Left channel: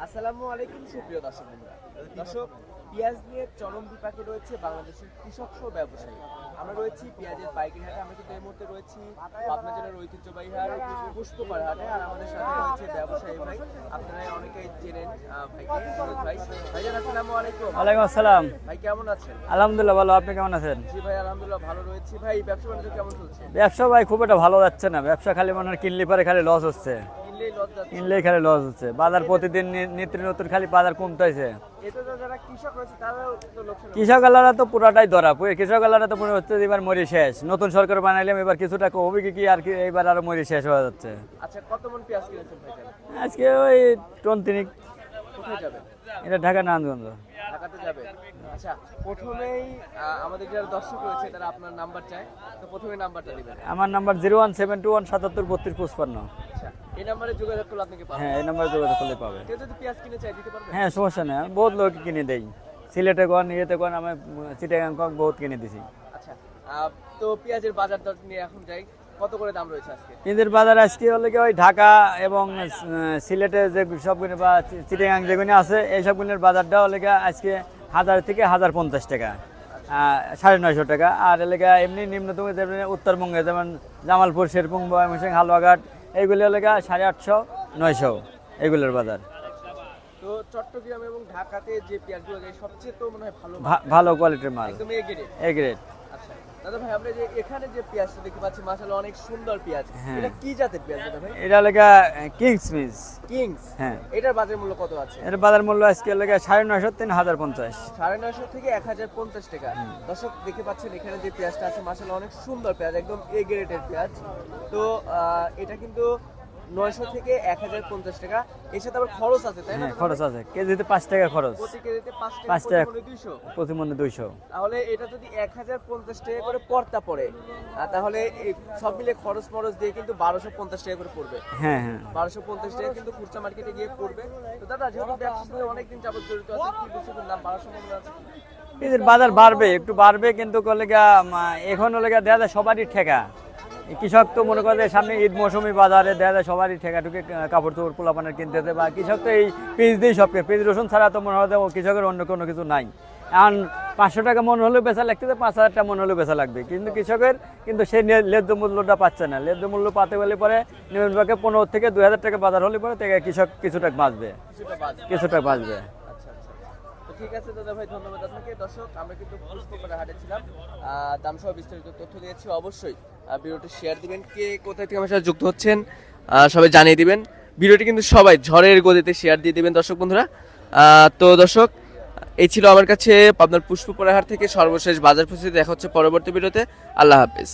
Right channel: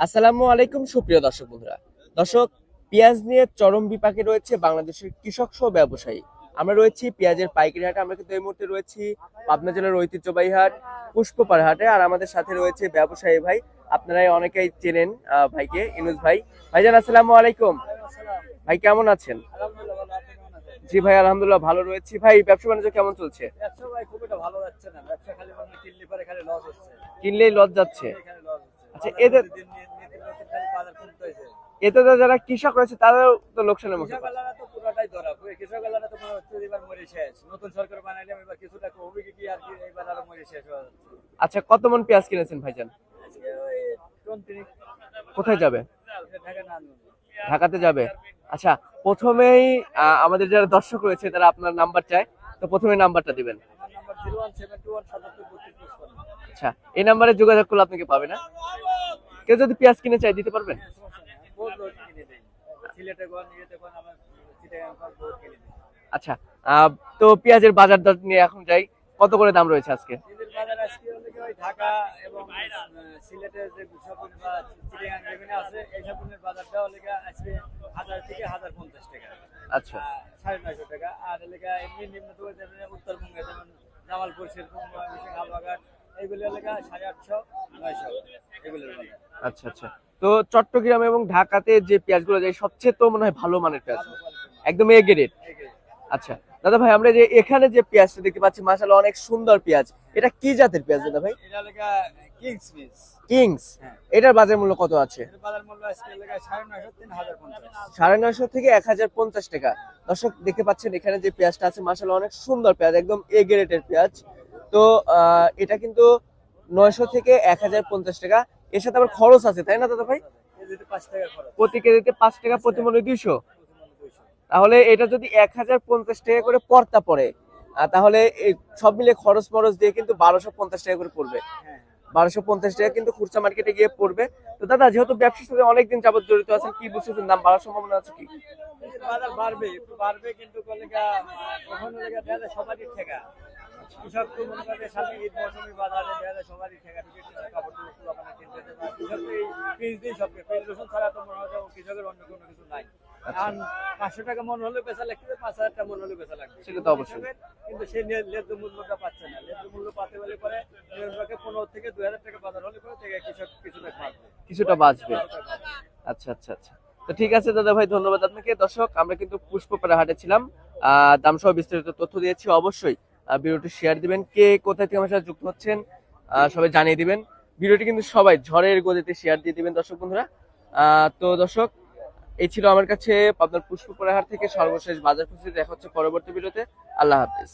আসসালামু আলাইকুম সুপ্রিয় দর্শক বন্ধুরা। দর্শক, পেঁয়াজ নিয়ে চরম বিপাকে রয়েছে বাংলাদেশের কৃষক সহ ব্যবসায়ী। আমরা রয়েছি পেঁয়াজের পাইকারি হাটে। আমরা কিন্তু এই মুহূর্তে রয়েছি পাবনা জেলার ঐতিহ্যবাহী হাট পুষ্পপাড়া হাটে। আর আমাদের সাথে রয়েছে ব্যবসায়ী ভাই, আপনারাই অনেকেই চেনেন ভাইকে, ইউনুস ভাই। ভাইজান আসসালামু আলাইকুম। ওয়ালাইকুম আসসালাম। ভাই কেমন আছেন? আলহামদুলিল্লাহ ভালো, আপনি কেমন আছেন? জি ভাই, আলহামদুলিল্লাহ ভালো রয়েছি। ভাই ব্যবসা বাণিজ্য কেমন চলছে? ব্যবসা ভাই খুব একটা ভালো যাচ্ছে না, ব্যবসা খালি মনে হয় কিনলে পরে খালি লস হচ্ছে, কিনলেই লস যাচ্ছে। কিনলেই খালি লস হচ্ছে। বাজার এদের- প্রতিদিন নিত্য নতুন খালি বাজার কমতেছে। এতে তো যারা কৃষক রয়েছে তারাও তো লোকসান। কৃষকালারা তো পুরাটাই ধরা, কৃষকালারা তো মনে হচ্ছে যে এবার মরি শেষ, নতুন সরকার বানাইলাম এবার কিছুটা হবে কি আর কি, এবার আরো মরি শেষ হয়ে যাচ্ছে। আচ্ছা, কত মন পেঁয়াজ কিনেছেন ভাইজান? আজকে ওই টন তিনিক। কোথায় যাবে? এটা ঢাকা নারায়ণগঞ্জ। ঢাকাতে যাবে। আচ্ছা, প্রথমেই আমাদের যারা দর্শক রয়েছে তারা আপনার নাম্বার চায়, তো প্রথমে নাম্বারটা দিবেন। আমার নাম্বার 01721773255। আচ্ছা, এই নাম্বারে যোগাযোগ করলে আপনাকে পাবেন। হ্যাঁ, এই নাম্বারে যোগাযোগ করলে পাবে। কেউ যদি পেঁয়াজ কিনে চাই দিতে পারবেন? হ্যাঁ, সমস্যা নেই, আমি বহুত লোক কিনে দেই, সিলেটে কোন ইয়েতে কোন, আমি চিটাগাং কোন বহুত কিনে দিছি। আচ্ছা, তো পেঁয়াজের বাজার দর নিয়ে এখন যাই। কত করে দাম রয়েছে আজকে? পেঁয়াজের বাজার আজকে হলে কি ওই ঢাকা এবং সিলেটে যে সবগুলো বা চিটাগাং যেগুলো আছে এই সবগুলোর বাজারটা হলে গিয়ে আজকে 1000 থেকে 1050 টাকা, আচ্ছা 950 টাকা। আর এলাকা এমনি নিম্নতম যেমন উত্তরবঙ্গে যেমন জামালপুর, শেরপুর, ময়মনসিংহ, হালুয়াঘাট এইগুলি হলে 850 900 এইগুলোর বাজার। আচ্ছা আচ্ছা। তো চট্টগ্রাম এবং ঢাকাতে যে পেঁয়াজগুলো যায় সবচেয়ে তো মনে হয় ভালো মানের পেঁয়াজ। ভালো কোয়ালিটির মাল, একদম এ গ্রেড। A grade. আচ্ছা দাদা ভাই, আমরা যে এখানে যে পেঁয়াজটা দেখতে পাচ্ছি মাশাআল্লাহ অনেক সুন্দর পেঁয়াজ, হ্যাঁ। এটা কি জাতের পেঁয়াজ দাদা ভাই? এটা হলে কিংস মিস। কিংস। হ্যাঁ, এটার বাজার মূল্য কত আছে? এর বাজার মূল্য আজকে হলে 950 3050। 950 থেকে 1050 টাকা। দর্শক দেখতে পাচ্ছেন এখানে যে পেঁয়াজটা আছে মাশাআল্লাহ অনেক সুন্দর পেঁয়াজ, একদম এ গ্রেডের পেঁয়াজ। তো এটা কিন্তু 900 থেকে 1050 টাকা। এর সাথে আবার খরচ আছে, তাই না দাদা ভাই? খরচ আছে, কেজিতে 5 টাকা খরচ, প্রতি কেজিতে 5 টাকা, 5 প্রতি টাকা। মনে 200। প্রতি মনে 200। তাহলে এটা যদি 1050 টাকা করে পড়তা পড়ে, তাহলে এই সব মিলে খরচ মরচ দিয়ে কিন্তু 1250 টাকা করে পড়বে। হ্যাঁ হ্যাঁ। 1250 টাকা কিন্তু খুচরা মার্কেটে গিয়ে পড়বে। তো দাদা, যেহেতু ব্যবসার সাথে অনেকদিন যাবত জড়িত আছেন, কি বুঝছেন দাম বাড়ার সম্ভাবনা আছে কি? পেঁয়াজের বাজার বাড়বে, একটু বাড়বে, কিন্তু এখন হলে দেখা যায় সবারই ঠেকা। এই কৃষক তো মনে করে যে সামনে ঈদ মৌসুমি বাজারে দেখা যায় সবারই ঠেকা ঢুকে কাপড় চোপড় পোলাপানের কিনতে হবে, বা কৃষক তো এই পেঁয়াজ দিয়েই সব, পেঁয়াজ রসুন ছাড়া তো মনে হয় যে কৃষকের অন্য কোনো কিছু নাই। এখন 500 টাকা মন হলেও বেচা লাগতেছে, 5000 টাকা মন হলেও বেচা লাগবে, কিন্তু কৃষকের কিন্তু সেই ন্যায্য মূল্যটা পাচ্ছে না। ন্যায্য মূল্য পাতে বলে পরে নিম্নভাগে 15 থেকে 2000 টাকা বাজার হলে পরে থেকে কৃষক কিছুটা বাঁচবে, কিছুটা বাঁচবে। কিছুটা বাঁচবে। আচ্ছা আচ্ছা আচ্ছা। তো ঠিক আছে দাদা ভাই, ধন্যবাদ আপনাকে। দর্শক, আমরা কিন্তু পুষ্পপাড়া হাটে ছিলাম, দাম সহ বিস্তারিত তথ্য দিয়েছি। অবশ্যই ভিডিওটি শেয়ার দিবেন, কে কোথায় থেকে আমার সাথে যুক্ত হচ্ছেন সবাই জানিয়ে দিবেন। ভিডিওটি কিন্তু সবাই ঝড়ের গতিতে শেয়ার দিয়ে দিবেন দর্শক বন্ধুরা। তো দর্শক, এই ছিল আমার কাছে আপনার পুষ্পপাড়া হাট থেকে সর্বশেষ বাজার পরিস্থিতি। দেখা হচ্ছে পরবর্তী ভিডিওতে। আল্লাহ হাফেজ।